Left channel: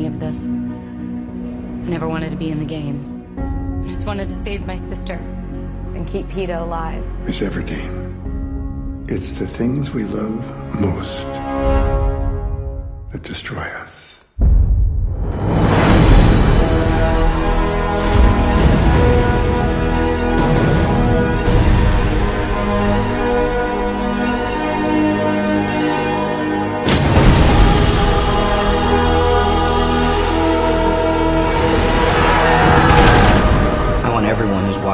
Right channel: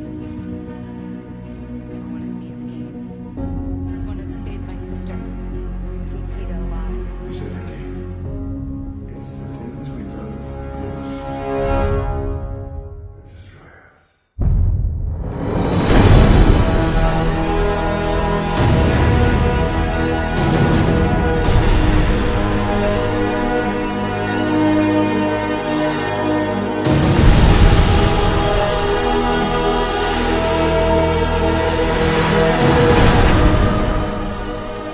any of this. I never wanted to be in the games. I just wanted to save my sister and keep PETA alive. Miss Everdeen, it's the things we love most that destroy us.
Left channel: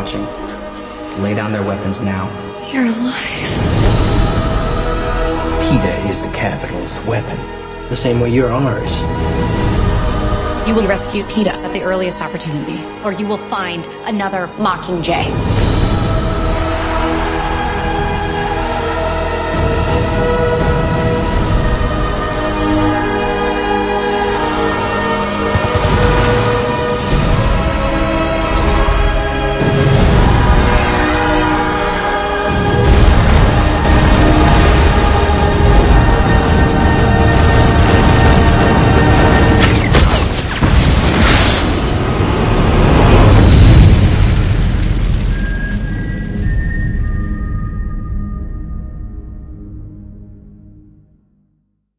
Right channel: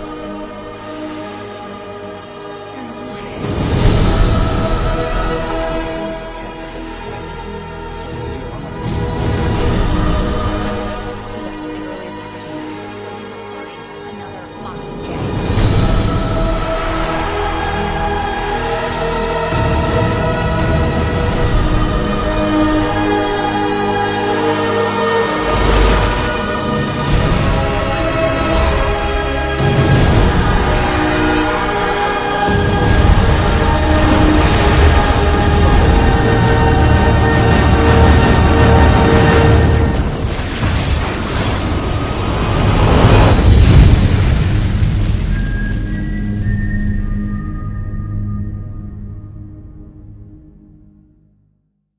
To lay down their weapons now. You're alive. PETA is the capital's weapon, the same way you're ours. You will rescue PETA at the earliest opportunity, or you will find another Mockingjay.